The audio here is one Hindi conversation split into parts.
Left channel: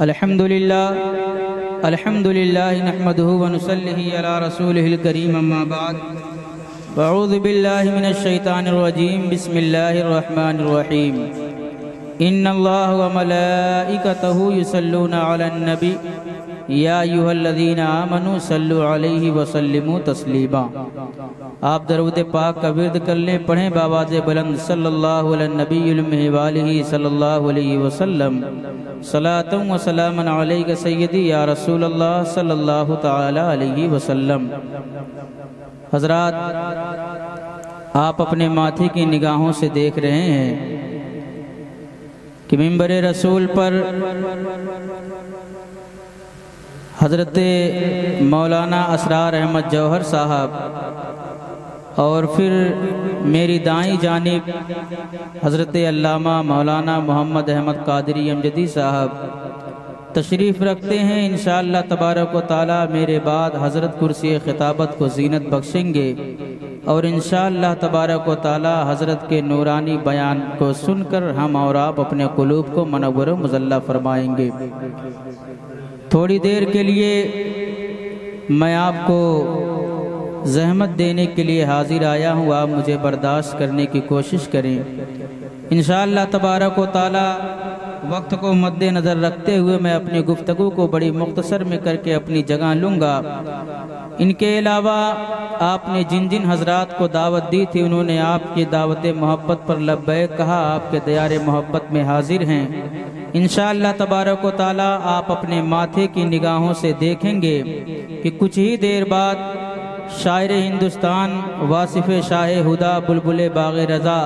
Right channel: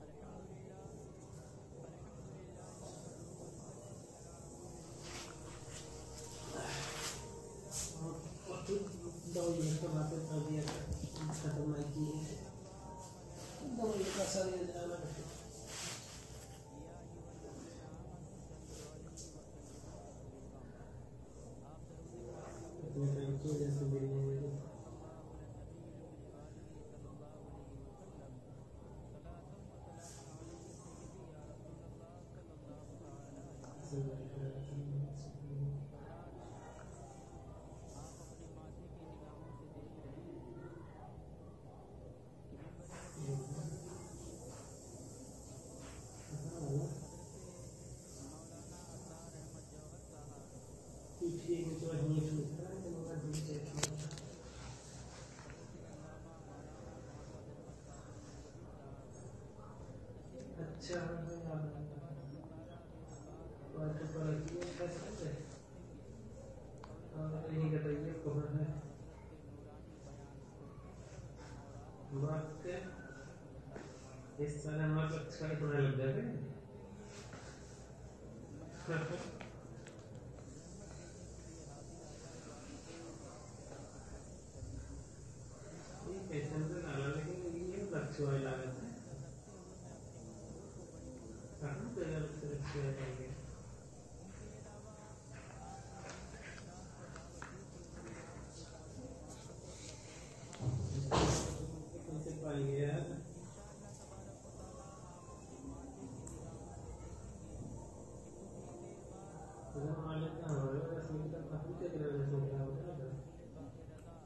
अल्हम्दुलिल्लाह नहमदुहु व नुसल्ली अला रसूलिहिल करीम अम्मा बाद अऊज़ु बिल्लाहि मिनश शैतानिर रजीम बिस्मिल्लाहिर रहमानिर रहीम इन्नल्लाह व मलाइकतहु युसल्लूना अलन नबी या अय्युहल्लज़ीना आमनू सल्लु अलैहि व सल्लिमू तस्लीमा। आप दरूद पाक का विर्द कर लें, पढ़ें बावाज़े बुलंद सल्लल्लाहु अलैहि नबीयुल उम्मी व आलिहि सल्लल्लाहु अलैहि वसल्लम सलातुम व सलामन अलैका सय्यदी या रसूलल्लाह सल्लल्लाहु तआला अलैहि वसल्लम। हज़रात, आप अपने माथे की निगाहों से देख रहे हैं कि मिंबर रसूल पर हज़रत मौलाना असरार अहमद जौहर साहब और फिर मेरी दाईं जानिब हज़रत अल्लामा मौलाना मोहम्मद अहमद कादरी अमजदी साहब तशरीफ़ रखते हैं। इंशाअल्लाह तबारक व तआला मेरे बाद हज़रत कुर्सी खिताबत को ज़ीनत बख्शेंगे और इंशाअल्लाह तबारक व तआला हज़रत के नूरानी बयान को सुनकर हम और आप अपने क़ुलूब को मनव्वर व मुज़ल्ला फरमाएंगे। थोड़ी देर के लिए मैं आपको ज़हमत देने के लिए हाजिर आया हूँ, आप मुझे बर्दाश्त करने की कोशिश करें। इंशाअल्लाह तबारक व तआला वक्त को मद्देनज़र रखते हुए मैं अपनी गुफ्तगू को बड़ी मुख्तसर में करके अपनी जगह लूँगा। इनके अलावा आपने जिन जिन हज़रात को दावत दी थी उन्होंने आपकी दावत मोहब्बत पर लब्बैक कहा, आपके दयारे मोहब्बत में हाजिर हैं। इंशाअल्लाह तबारक व तआला आप अपने माथे की निगाहों से देखेंगे कि कुछ ही देर बाद शायर हिंदुस्तान वासिफ़ शाह हुदा बुलबुल बाग़ रज़ा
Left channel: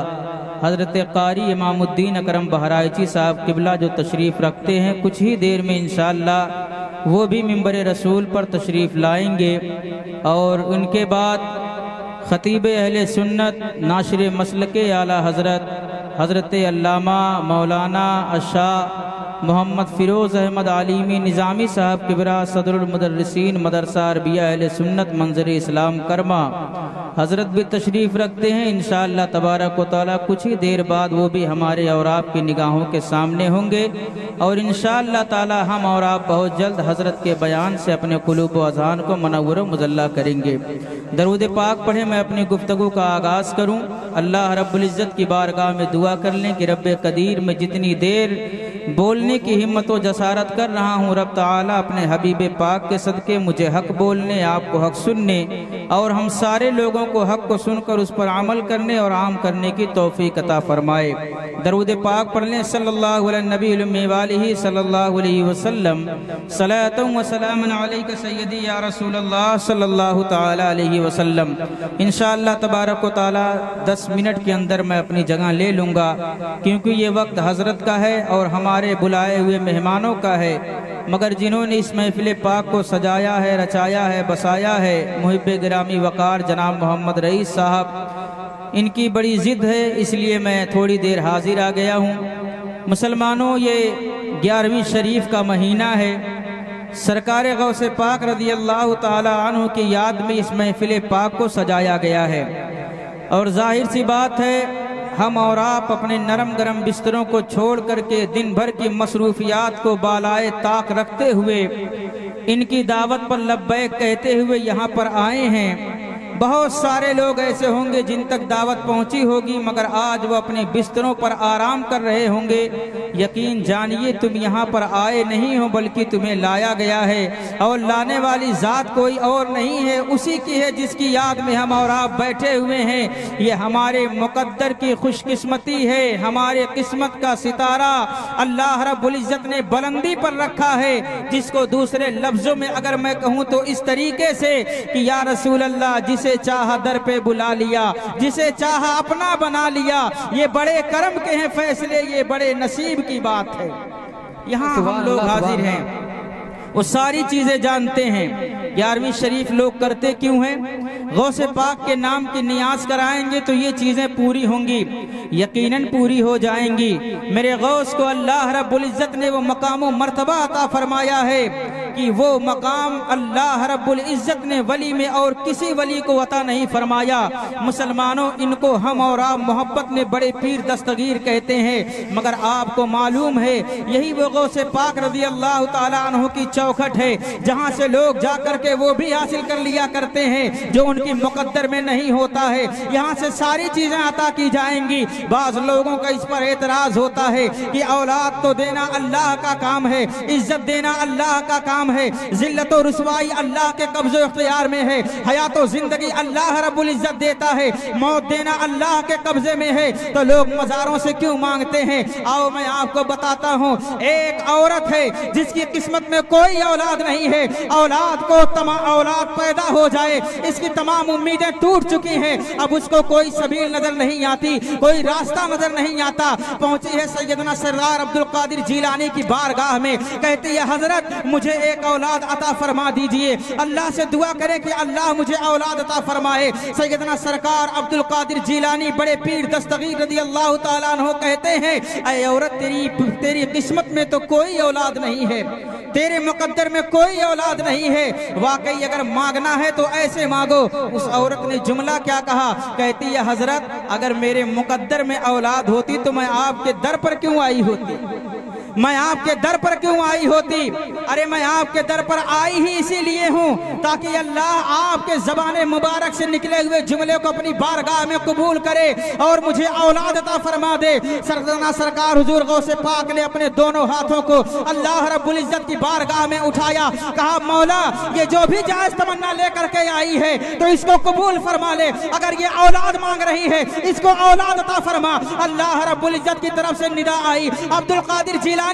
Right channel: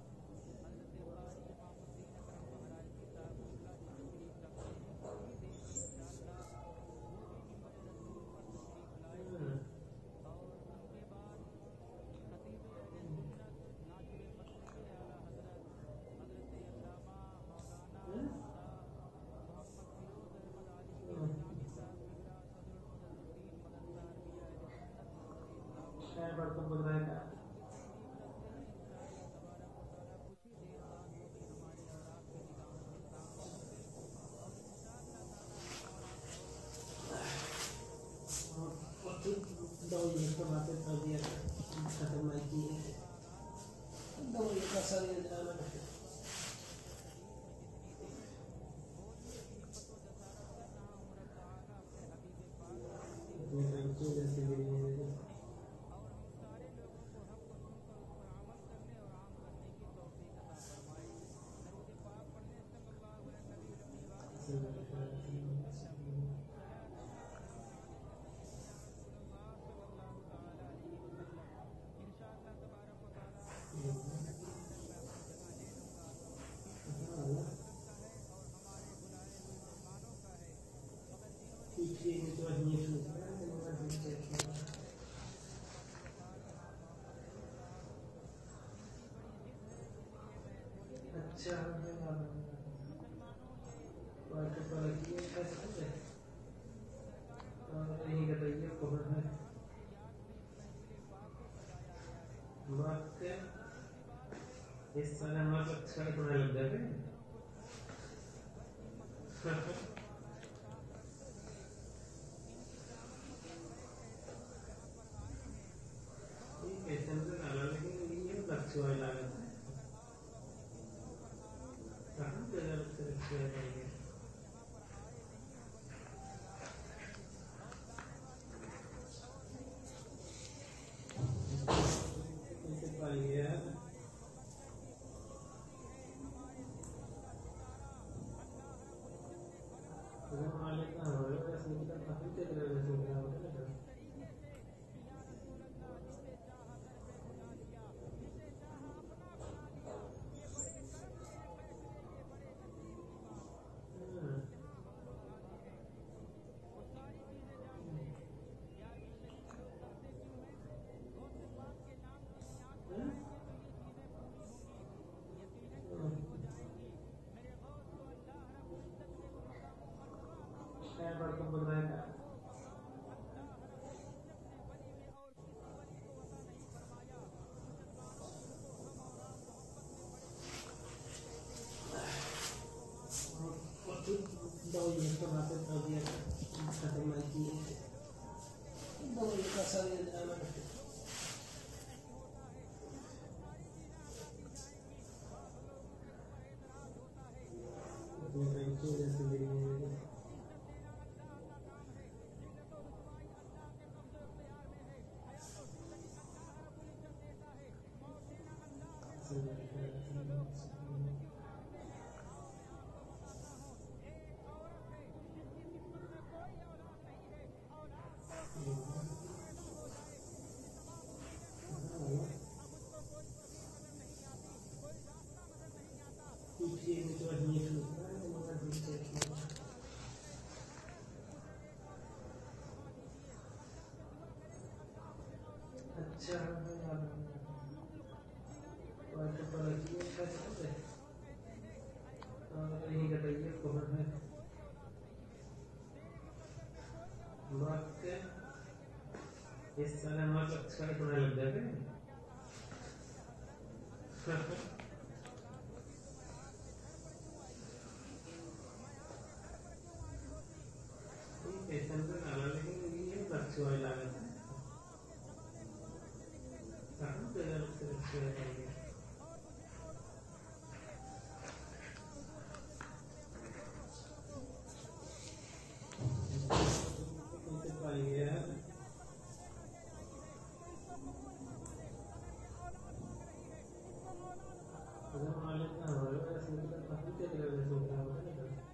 हज़रत क़ारी इमामुद्दीन अकरम बहराइची साहब किबला जो तशरीफ़ रखते हैं, कुछ ही देर में इंशाअल्लाह वो भी मिंबर रसूल पर तशरीफ़ लाएंगे और उनके बाद ख़तीब अहले सुन्नत नाशिर मसलके आला हज़रत अल्लामा मौलाना अशाह मोहम्मद फ़िरोज़ अहमद आलिमी निज़ामी साहब किबरा सदरुल मुदर्रिसीन मदरसा अरबिया अहले सुन्नत मंज़र इस्लाम करमा हज़रत भी तशरीफ़ रखते हैं। इंशाअल्लाह तबारक व तआला कुछ ही देर बाद वो भी हमारे और आपकी निगाहों के सामने होंगे और इंशाअल्लाह ताला हम और आप बहुत जल्द हज़रत के बयान से अपने क़ुलूब व अज़हान को मनव्वर व मुज़ल्ला करेंगे। दरूद पाक पढ़े मैं अपनी गुफ्तगू का आगाज़ करूँ। अल्लाह रब्बुल इज़्ज़त की बारगाह में दुआ कर लें कि रब्बे कदीर में जितनी देर बोलने की हिम्मत व जसारत कर रहा हूँ, रब ताला अपने हबीब पाक के सदक़े मुझे हक़ बोलने, आपको हक़ सुनने और हम सारे लोगों को हक़ को सुनकर उस पर अमल करने और आम करने की तौफ़ीक़ अता फ़रमाए। दरूद पाक पढ़ लें सल्लल्लाहु अलैहि नबील उम्मी व आलिहि सल्लल्लाहु अलैहि वसल्लम सलातुम व सलामुन अलैका सय्यदी या रसूलल्लाह सल्लल्लाहु तआला अलैहि वसल्लम। इंशाअल्लाह तबारक व तआला 10 मिनट के अंदर मैं अपनी जगह ले लूँगा क्योंकि ये वक्त हज़रत का है और हमारे बुलाए हुए मेहमानों का है, मगर जिन्होंने इस महफिल पाक को सजाया है, रचाया है, बसाया है, मुहिब्बे गिरामी वक़ार जनाब मोहम्मद रईस साहब, इनकी बड़ी ज़िद है, इसलिए मैं थोड़ी देर हाजिर आ गया हूँ। मुसलमानों, ये 11वीं शरीफ का महीना है। सरकार गौसे पाक रज़ी अल्लाह ताला अन्हु की याद में इस महफिल पाक को सजाया गया है और जाहिर सी बात है हम और आप अपने नरम गरम बिस्तरों को छोड़ करके दिन भर की मसरूफियात को बालाए ताक रखते हुए इनकी दावत पर लब्बैक कहते हुए यहाँ पर आए हैं। बहुत सारे लोग ऐसे होंगे जिन तक दावत पहुंची होगी मगर आज वो अपने बिस्तरों पर आराम कर रहे होंगे। यकीन जानिए तुम यहाँ पर आए नहीं हो बल्कि तुम्हें लाया गया है और लाने वाली ज़ात कोई और नहीं है, उसी की है जिसकी याद में हम और आप बैठे हुए हैं। ये हमारे मुकद्दर की खुशकिस्मती है, हमारे किस्मत का सितारा अल्लाह रब्बुल इज़्ज़त ने बुलंदी पर रखा है, जिसको दूसरे लफ्ज़ों में अगर मैं कहूँ तो इस तरीके से कि या रसूल अल्लाह, जिसे चाहा दर पे बुला लिया, जिसे चाहा अपना बना लिया। ये बड़े करम के हैं फैसले, ये बड़े नसीब की बात है। यहाँ हम लोग हाजिर हैं, वो सारी चीजें जानते हैं। 11वीं शरीफ लोग करते क्यों हैं? गौसे पाक के नाम की नियाज कराएंगे तो ये चीजें पूरी होंगी, यकीनन पूरी हो जाएंगी। मेरे गौस को अल्लाह रब्बुल इज़्ज़त ने वो मकाम व मर्तबा अता फरमाया है कि वो मकाम अल्लाह रब्बुल इज़्ज़त ने वली में और किसी वली को अता नहीं फरमाया। मुसलमानों, इनको हम और आप मोहब्बत में बड़े पीर दस्तगीर कहते हैं, मगर आपको मालूम है यही वो गौसे पाक रज़ी अल्लाह ताला अन्हु की चौखट है, जहाँ से लोग जा करके वो भी हासिल कर लिया करते हैं जो उनकी मुकद्दर में नहीं होता है। यहाँ से सारी चीजें अता की जाएंगी। बाज़ लोगों का इस पर एतराज होता है कि औलाद तो देना अल्लाह का काम है, इज्जत देना अल्लाह का काम है, जिल्लत और रुसवाई अल्लाह के कब्ज़े इख्तियार में है, हयात और जिंदगी अल्लाह रब्बुल इज्जत देता है, मौत देना अल्लाह के कब्जे में है, तो लोग मज़ारों से क्यों मांगते हैं? आओ मैं आपको बताता हूँ। एक औरत है जिसकी किस्मत में कोई औलाद नहीं है, औलाद को औलाद पैदा हो जाए इसकी तमाम उम्मीदें टूट चुकी हैं, अब उसको कोई सबील नजर नहीं आती, कोई रास्ता नजर नहीं आता। पहुंची है सैयदना सरदार अब्दुल कादिर जिलानी की बारगाह में, कहती है हजरत मुझे एक औलाद अता फरमा दीजिए, अल्लाह से दुआ करें कि अल्लाह मुझे औलाद अता फरमाए। सैयदना सरकार अब्दुल कादिर जिलानी बड़े पीर दस्तगीर रज़ी अल्लाह ताला अन्हु कहते हैं, ऐ औरत तेरी किस्मत में तो कोई औलाद नहीं है, तेरे मुकद्दर में कोई औलाद नहीं है, वाकई अगर मांगना है तो ऐसे मांगो। उस औरत ने जुमला क्या कहा? कहती है हजरत अगर मेरे मुकद्दर में औलाद होती तो मैं आपके दर पर क्यों आई होती, मैं आपके दर पर क्यों आई होती? अरे मैं आपके दर पर आई ही इसीलिए हूँ ताकि अल्लाह आपके ज़बाने मुबारक से निकले हुए जुमले को अपनी बारगाह में कबूल करे और मुझे औलाद अता फरमा दे। सरदाना सरकार हुजूर गौसे पाक ने अपने दोनों हाथों को अल्लाह रब्बुल इज़्ज़त की बारगाह में उठाया, कहा मौला ये जो भी जायज़ तमन्ना लेकर के आई है तो इसको कबूल फरमा ले, अगर ये औलाद मांग रही है इसको औलाद अता फरमा। अल्लाह रब्बुल इज़्ज़त की तरफ से निदा आई, अब्दुल कादिर जिलानी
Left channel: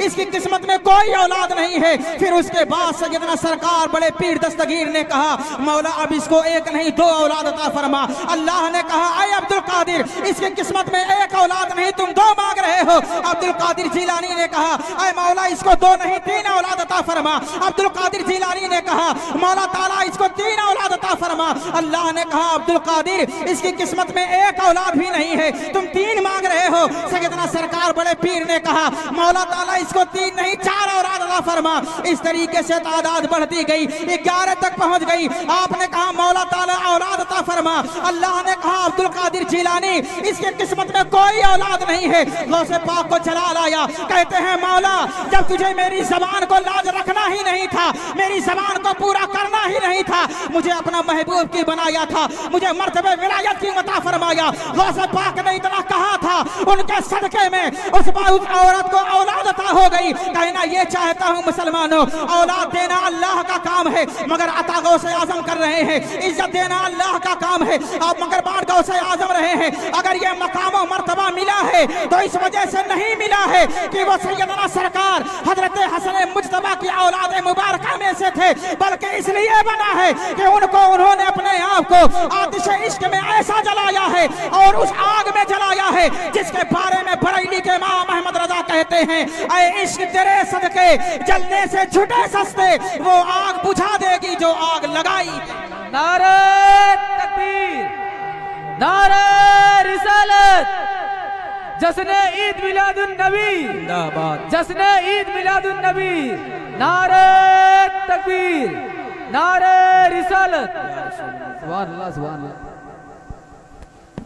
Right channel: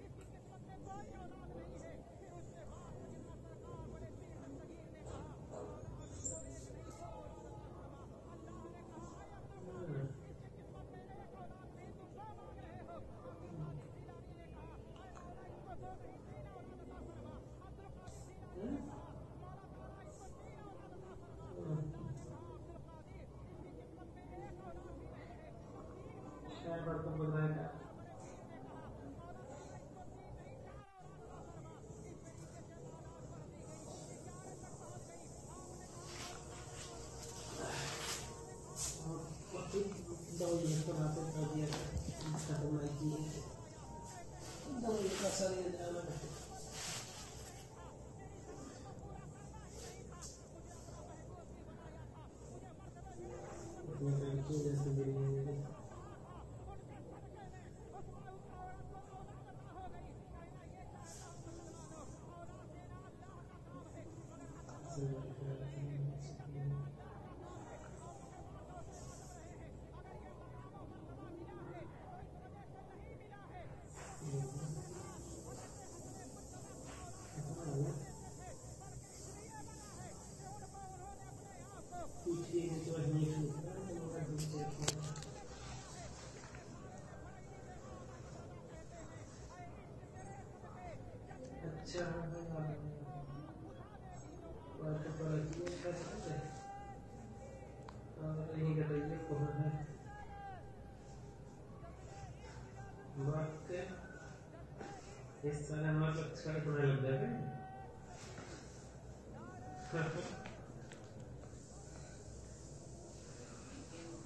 इसकी किस्मत में कोई औलाद नहीं है। फिर उसके बाद सैयदना सरकार बड़े पीर दस्तगीर ने कहा मौला अब इसको एक नहीं दो औलाद अता फरमा। अल्लाह ने कहा ऐ अब्दुल कादिर इसकी किस्मत में एक औलाद नहीं तुम दो मांग रहे हो। अब्दुल कादिर जिलानी ने कहा ऐ मौला इसको दो नहीं तीन औलाद अता फरमा। अब्दुल कादिर जिलानी ने कहा मौला ताला इसको तीन औलाद अता फरमा। अल्लाह ने कहा अब्दुल कादिर इसकी किस्मत में एक औलाद भी नहीं है, तुम तीन मांग रहे हो। सैयदना सरकार बड़े पीर ने कहा मौला ताला इसको तीन नहीं चार औलाद अता फरमा। इस तरीके से तादाद बढ़ती गई, 11 तक पहुंच गई। आपने कहा मौला ताला औलाद अता फरमा। अल्लाह ने कहा अब्दुल कादिर जिलानी इसकी किस्मत में कोई औलाद नहीं है। गौसे पाक को जलाल आया, कहते हैं मौला जब तुझे मेरी जबान को लाज रखना ही नहीं था, मेरी जबान को पूरा करना ही नहीं था, मुझे अपना महबूब की बनाया था, मुझे मर्तबे विलायत की अता फरमाया। गौसे पाक ने इतना कहा था, उनके सदके में उस औरत को औलाद अता हो गई। कहना ये चाहता हूँ मुसलमानों, औलाद देना अल्लाह का काम है मगर अता गौसे आजम कर रहे हैं, इज्जत देना अल्लाह का काम है आप मगर बांट गौसे आजम रहे हैं। अगर ये मकाम और मर्तबा मिला है तो इस वजह से नहीं मिला है कि वो सैयदना सरकार हजरत हसन मुज्तबा की औलाद मुबारका में से थे, बल्कि इसलिए बना है कि उन्होंने अपने आप को आतिश इश्क में ऐसा जलाया है और उस आग में जलाया है जिसके बारे में बरेली के इमाम अहमद रजा कहते हैं ऐ इश्क तेरे सदके जलने से छुटे सस्ते, वो आग बुझा देगी जो आग लगाई। नारे तकबीर, नारे रिसालत, जश्न ईद मिलादुन नबी जिंदाबाद, जश्न ईद मिलादुन नबी, नारे तकबीर, नारे रिसालत, सुभान अल्लाह सुभान अल्लाह।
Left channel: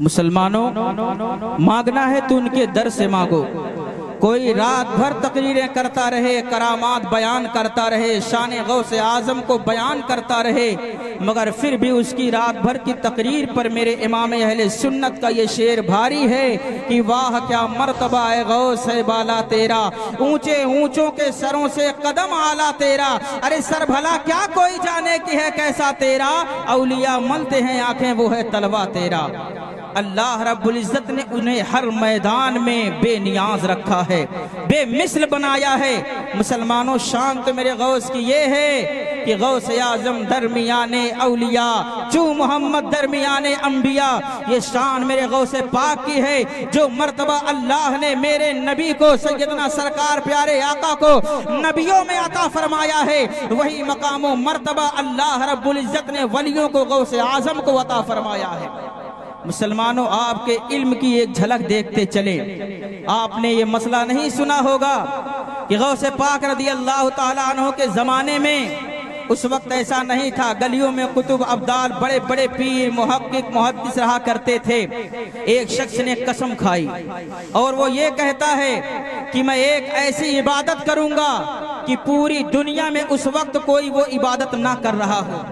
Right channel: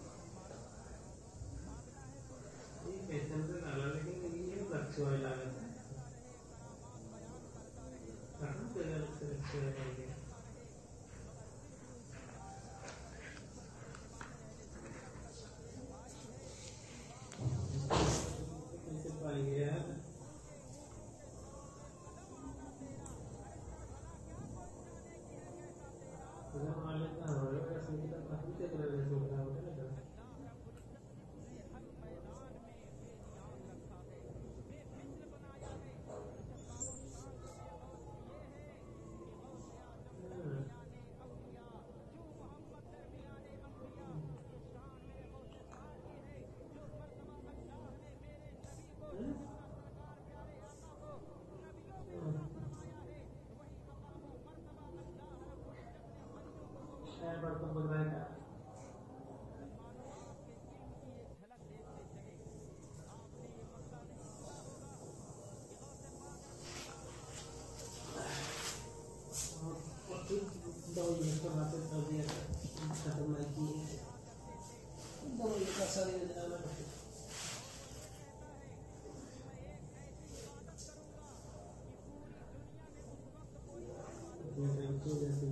मुसलमानों मांगना है तो उनके दर से मांगो। कोई रात भर तकरीरें करता रहे, करामात बयान करता रहे, शान गौसे आजम को बयान करता रहे, मगर फिर भी उसकी रात भर की तकरीर पर मेरे इमाम अहले सुन्नत का ये शेर भारी है कि वाह क्या मर्तबा है गौस है बाला तेरा, ऊंचे ऊंचों के सरों से कदम आला तेरा। अरे सर भला क्या कोई जाने की है कैसा तेरा, औलिया मलते हैं आंखें वो है तलवा तेरा। अल्लाह रब्बुल इज़्ज़त ने उन्हें हर मैदान में बेनियाज रखा है, बेमिसल बनाया है। मुसलमानों शान तो मेरे गौस की ये है कि गौस आज़म दरमियाने औलिया चू मोहम्मद दरमियाने अंबिया, ये शान मेरे गौस पाक की है। जो मर्तबा अल्लाह ने मेरे नबी को सैयदना सरकार प्यारे आका को नबियों में अता फरमाया है, वही मकाम मर्तबा अल्लाह रब्बुल इज़्ज़त ने वलियों को गौस आज़म को अता फरमाया है। मुसलमानों आपके इल्म की एक झलक देखते चले, आपने ये मसला नहीं सुना होगा कि गौसे पाक रज़ी अल्लाह ताला अन्हु के ज़माने में उस वक्त ऐसा नहीं था। गलियों में कुतुब अब्दाल बड़े बड़े पीर मुहक्किक मुहद्दिस रहा करते थे। एक शख्स ने कसम खाई और वो ये कहता है कि मैं एक ऐसी इबादत करूंगा कि पूरी दुनिया में उस वक्त कोई वो इबादत ना कर रहा हो।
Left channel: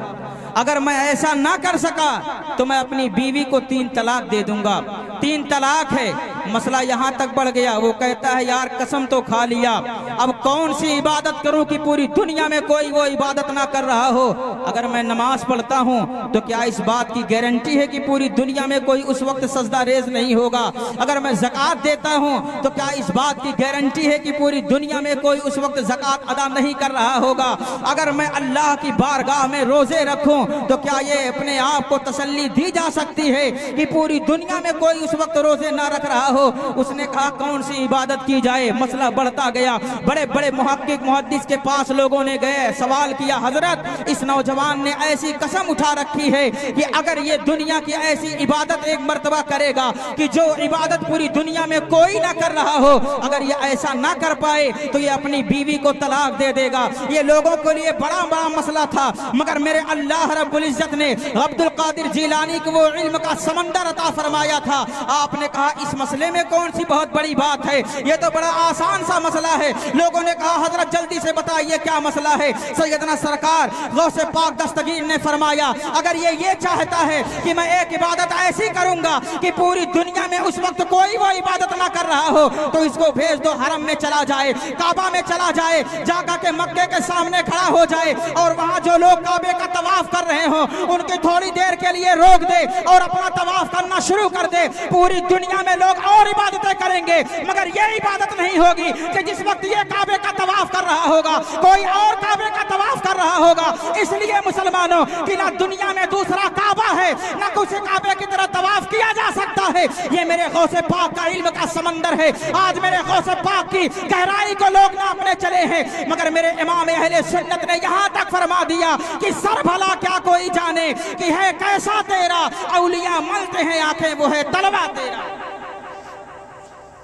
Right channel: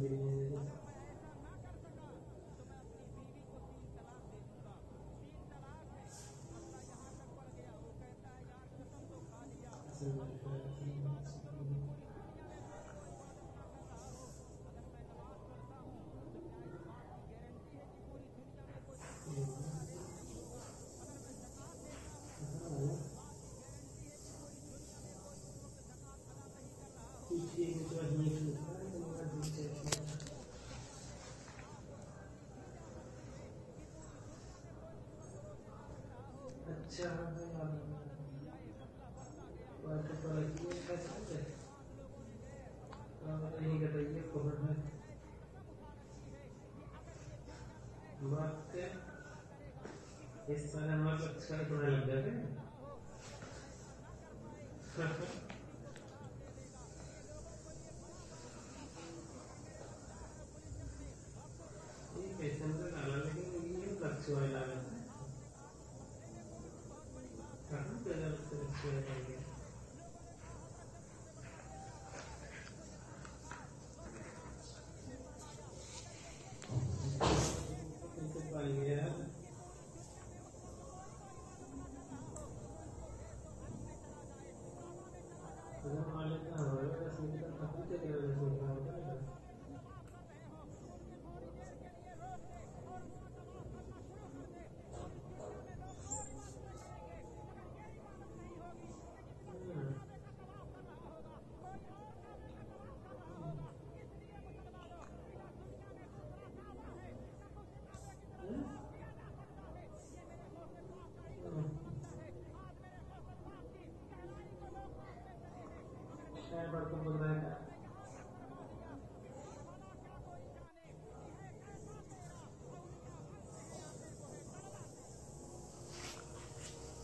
अगर मैं ऐसा ना कर सका तो मैं अपनी बीवी को 3 तलाक दे दूंगा। 3 तलाक है। मसला यहाँ तक बढ़ गया। वो कहता है यार कसम तो खा लिया, अब कौन सी इबादत करूं कि पूरी दुनिया में कोई वो इबादत ना कर रहा हो। अगर मैं नमाज पढ़ता हूं तो क्या इस बात की गारंटी है कि पूरी दुनिया में कोई उस वक्त सजदा रेज नहीं होगा। अगर मैं ज़कात देता हूं तो क्या इस बात की गारंटी है कि पूरी दुनिया में कोई उस वक्त ज़कात अदा नहीं कर रहा होगा। अगर मैं अल्लाह की बारगाह में रोजे रखूं तो क्या ये अपने आप को तसल्ली दी जा सकती है कि पूरी दुनिया में कोई उस वक्त रोजे ना रख रहा हो। उसने कहा कौन सी इबादत की जाए। मसला बढ़ता गया। बड़े बड़े मुहक्किक मुहद्दिस के पास लोगों ने गए, सवाल किया हजरत इस नौजवान ने ऐसी कसम उठा रखी है कि अगर ये दुनिया की ऐसी इबादत एक मर्तबा करेगा कि जो इबादत पूरी दुनिया में कोई ना कर रहा हो, अगर ये ऐसा ना कर पाए तो ये अपनी बीवी को तलाक दे देगा। ये लोगों के लिए बड़ा बड़ा मसला था, मगर मेरे अल्लाह रब्बुल इज्जत ने अब्दुल कादिर जिलानी को वो इल्म का समंदर अता फरमाया था। आपने कहा इस मसले में कौन सी बहुत बड़ी बात है, ये तो बड़ा आसान सा मसला है। लोगों ने कहा हजरत जल्दी से बताइए क्या मसला है। सैयदना सरकार गौसे पाक दस्तगीर ने फरमाया अगर ये चाहता है कि मैं एक इबादत ऐसी करूंगा कि पूरी दुनिया में उस वक्त कोई वो इबादत ना कर रहा हो तो इसको भेज दो, हरम में चला जाए, काबा में चला जाए, जाकर के मक्के के सामने खड़ा हो जाए और वहां जो लोग काबे का तवाफ कर रहे हो उनकी थोड़ी देर के लिए रोक दे और अपना तवाफ करना शुरू कर दे। पूरी दुनिया में लोग और इबादतें करेंगे मगर ये इबादत नहीं होगी कि जिस वक्त ये काबे का तवाफ कर रहा होगा कोई और काबे का तवाफ कर रहा होगा। इसलिए मुसलमानों कि ना दुनिया में दूसरा काबा है ना कुछ काबे की तरह तवाफ किया जा सकता है। ये मेरे गौसे पाक का इल्म का समंदर है। आज मेरे गौसे पाक की गहराई को लोग नापने चले हैं, मगर मेरे इमाम अहले सुन्नत ने यहाँ तक फरमा दिया कि सर भला क्या कोई जाने कि है कैसा तेरा, औलिया मलते हैं आंखें वो है तलवा तेरा।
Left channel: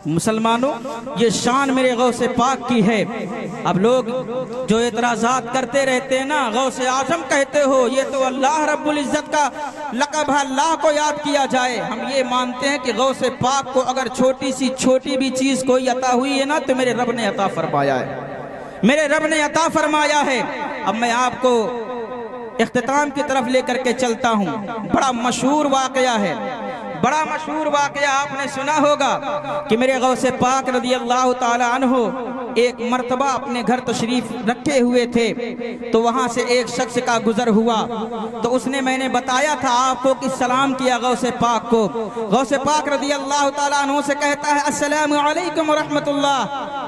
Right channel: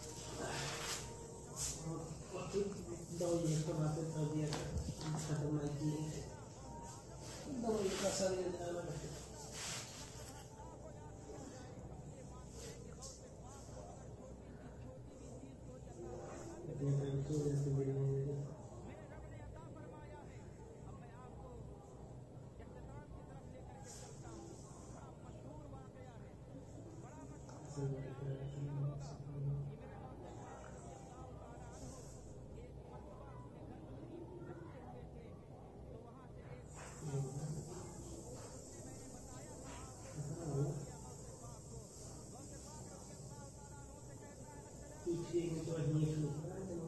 मुसलमानों ये शान मेरे गौसे पाक की है। अब लोग जो एतराज़ात करते रहते हैं ना, गौसे आजम कहते हो, ये तो अल्लाह रब्बुल इज़्ज़त का लक़ब है, अल्लाह को याद किया जाए। हम ये मानते हैं कि गौसे पाक को अगर छोटी सी छोटी भी चीज़ कोई अता हुई है ना तो मेरे रब ने अता फरमाया है, मेरे रब ने अता फरमाया है। अब मैं आपको इख्तिताम की तरफ लेकर के चलता हूँ। बड़ा मशहूर वाक़या है, बड़ा मशहूर वाक़या आपने सुना होगा कि मेरे गौसे पाक रज़ी अल्लाह ताला अन्हु एक मर्तबा अपने घर तशरीफ रखे हुए थे तो वहाँ से एक शख्स का गुजर हुआ तो उसने मैंने बताया था आपको कि सलाम किया गौसे पाक को। गौसे पाक रज़ी अल्लाह ताला अन्हु से कहता है अस्सलामु अलैकुम व रहमतुल्लाह।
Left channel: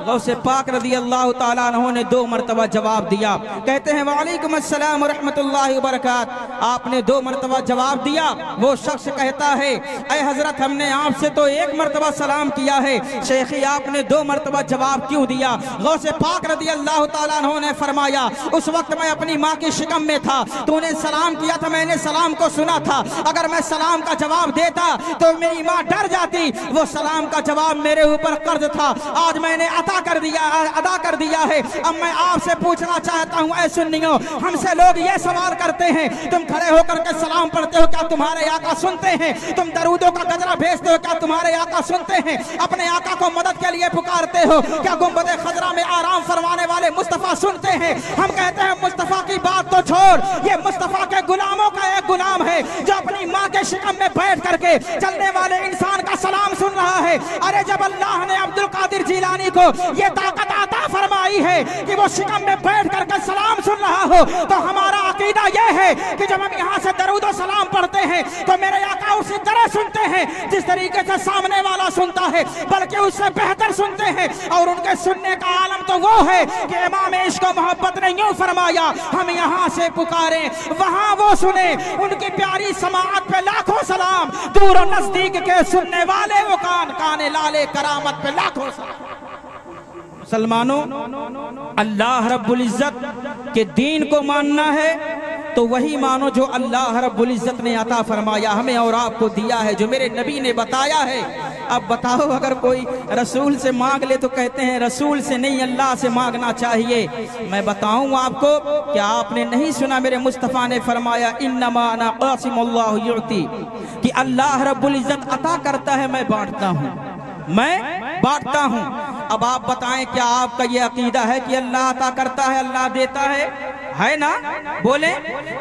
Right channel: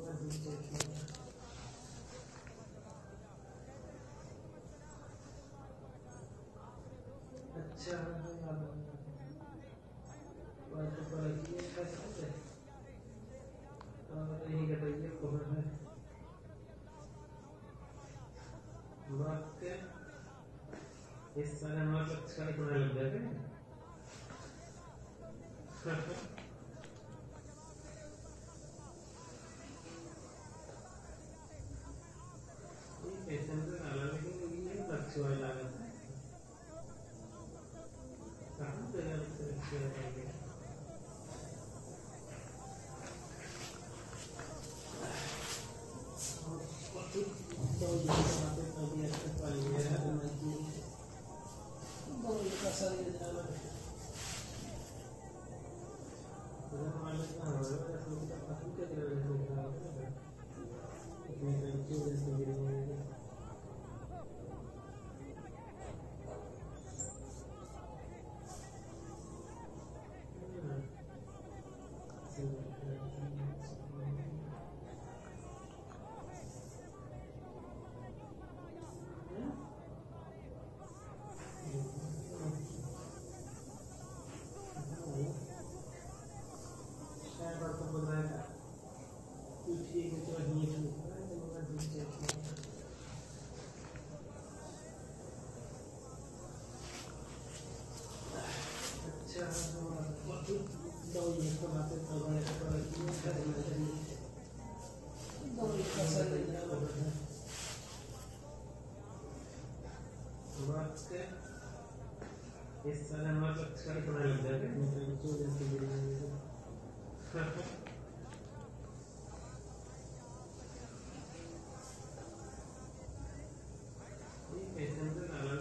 गौसे पाक रज़ी अल्लाह ताला अन्हु ने 2 मरतबा जवाब दिया। कहते हैं वालेकुम अस्सलाम व रहमतुल्लाहि व बरकात। आपने 2 मरतबा जवाब दिया। वो शख्स कहता है ऐ हजरत हमने आपसे तो 1 मरतबा सलाम किया है, शेखी आपने 2 मरतबा जवाब क्यों दिया। गौसे पाक रज़ी अल्लाह ताला अन्हु ने फरमाया उस वक्त मैं अपनी माँ की शिकम में था, तूने सलाम किया था, मैंने सलाम को सुना था। अगर मैं सलाम का जवाब देता तो मेरी माँ डर जाती। वो सलाम का जवाब मेरे ऊपर कर्ज था, आज मैंने अदा कर दिया है। अब मैं आपसे पूछना चाहता हूँ ऐ सुन्नियों, हमसे लोग ये सवाल करते हैं तुम खड़े होकर के सलाम पढ़ते हो, क्या तुम्हारे आका सुनते हैं? तुम दरूदों का गजरा भेजते हो, क्या तुम्हारे आका सुनते हैं? अपने आका को मदद के लिए पुकारते हो, क्या गुंबदे खजरा में आराम फरमाने वाले मुस्तफा सुनते हैं? हम कहते हैं मुस्तफा की बात तो छोड़, ये मुस्तफा के गुलामों का एक गुलाम है जो अपनी माँ के शिकम में बैठ करके चलने वाले इंसान का सलाम सुन रहा है। अरे जब अल्लाह ने अब्दुल कादिर जिलानी को ये ताकत अता फरमाई है कि वो शिकम में बैठ करके सलाम सुन रहा हो तो हमारा अकीदा यह है कि जब हम यहाँ से दरूद और सलाम पढ़ते हैं तो मेरे आका उसी तरह सुनते हैं जिस तरीके से सामने वाला सुनता है, बल्कि उससे बेहतर सुनते हैं। और उनके सुनने का आलम तो वो है कि इमाम इश्क व मोहब्बत ने यूं फरमाया हम यहाँ से पुकारे वहाँ वो सुने। उनकी प्यारी समाअत पे लाखों सलाम, दूर और नजदीक के सुनने वाले वो काने लाले करामत पे लाखों सलाम। मुसलमानों अल्लाह रब्बुल इज्जत के दीन को मानना है तो वही मानो जो अल्लाह रब्बुल इज्जत ने अता फरमाया हमें और आपको दिया है, जो मेरे नबी ने बताया है अब बताओ, अगर कोई रसूल से मांग ले तो कहते हैं रसूल से नहीं अल्लाह से मांगना चाहिए। मैं बताऊं आपको, क्या आपने नहीं सुना मेरे मुस्तफ़ा ने फरमाया इन्नमा अना क़ासिमुल्लाहु युअती, कि अल्लाह रब्बुल इज़्ज़त अता करता है, मैं बांटता हूँ, मैं बांटता हूँ। अब आप बताएं, क्या आपका ये अकीदा है कि अल्लाह अता करता है, अल्लाह देता है ना? बोले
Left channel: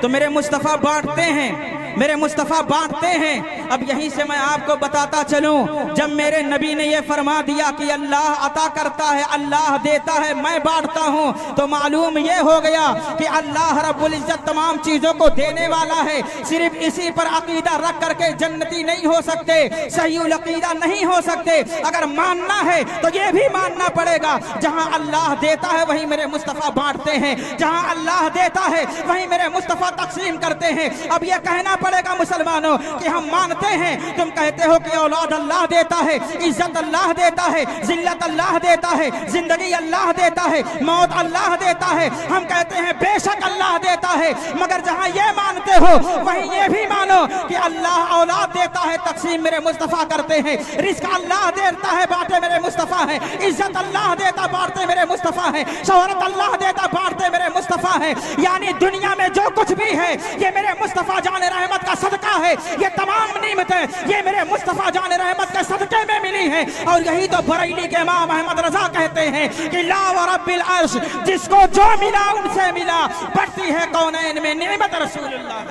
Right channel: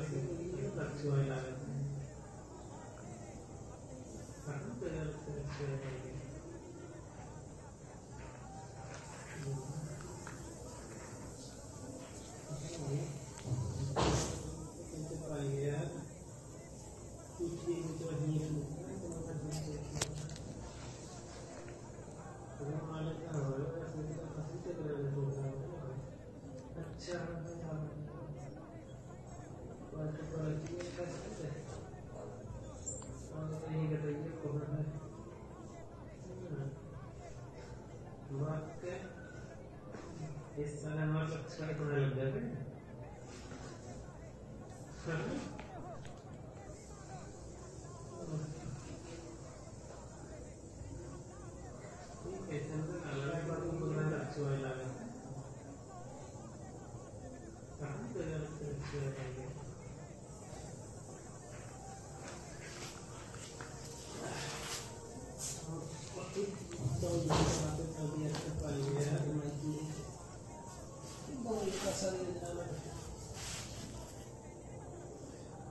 तो मेरे मुस्तफ़ा बांटते हैं, मेरे मुस्तफ़ा बांटते हैं। अब यहीं से मैं आपको बताता चलूं, जब मेरे नबी ने ये फरमा दिया कि अल्लाह अता करता है, अल्लाह देता है, मैं बांटता हूं, तो मालूम ये हो गया कि अल्लाह रब्बुल इज़्ज़त तमाम चीजों को देने वाला है। सिर्फ इसी पर अकीदा रख करके जन्नती नहीं हो सकते, सही अकीदा नहीं हो सकते। अगर मानना है तो ये भी मानना पड़ेगा, जहां अल्लाह देता है वहीं मेरे मुस्तफ़ा बांटते हैं, जहां अल्लाह देता है वहीं मेरे मुस्तफ़ा तकसीम करते हैं। अब ये कहना पड़ेगा मुसलमानों कि हम मानते हैं, तुम कहते हो कि औलाद अल्लाह देता है, इज्जत अल्लाह देता है, जिल्लत अल्लाह देता है, जिंदगी अल्लाह देता है, मौत अल्लाह देता है। हम कहते हैं बेशक अल्लाह देता है, मगर जहां ये मानते हो वहीं ये भी मानो कि अल्लाह औलाद देता है, तकसीम मेरे मुस्तफ़ा करते हैं, रिज़्क़ अल्लाह देता है, बांटे मेरे मुस्तफ़ा है, इज्जत अल्लाह देता बांटते मेरे मुस्तफ़ा है, शोहरत अल्लाह देता बांटते मेरे मुस्तफ़ा है। यानी दुनिया में जो कुछ भी है ये मेरे मुस्तफ़ा जान रहमत का सदका है, ये तमाम नेमतें ये मेरे मुस्तफ़ा जान रहमत के सदके में मिली है। और यही तो बरेली के इमाम अहमद रजा कहते हैं कि ला व रब्बिल अर्श, जिसको जो मिला उनसे मिला, बढ़ती है कौनैन में नेमत रसूलुल्लाह।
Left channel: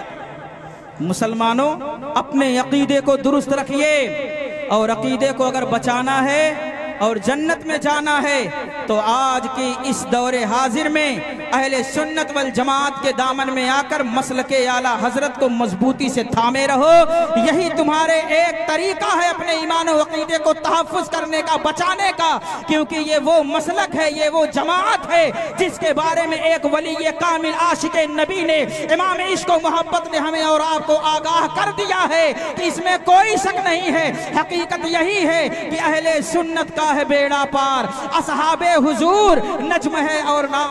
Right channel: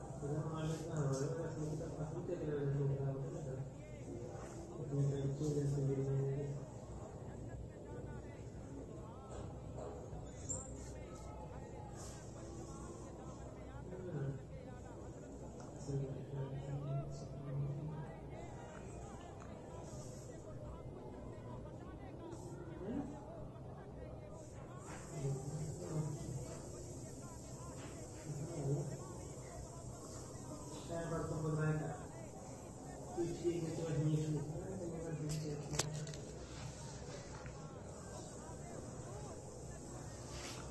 मुसलमानों, अपने अकीदे को दुरुस्त रखिए, और अकीदे को अगर बचाना है और जन्नत में जाना है तो आज की इस दौरे हाजिर में अहले सुन्नत वल जमात के दामन में आकर मसलके आला हजरत को मजबूती से थामे रहो। यही तुम्हारे एक तरीका है अपने ईमान और अकीदे को तहफ़्फ़ुज़ करने का, बचाने का, क्योंकि ये वो मसलक है, ये वो जमात है जिसके बारे में एक वली कामिल आशिक़े नबी ने, इमाम इश्क़ व मोहब्बत ने हमें और आपको आगाह कर दिया है कि इसमें कोई शक नहीं है। हकीकत यही है कि अहले सुन्नत का है बेड़ा पार, असहाबे हुजूर नज्म है और नाम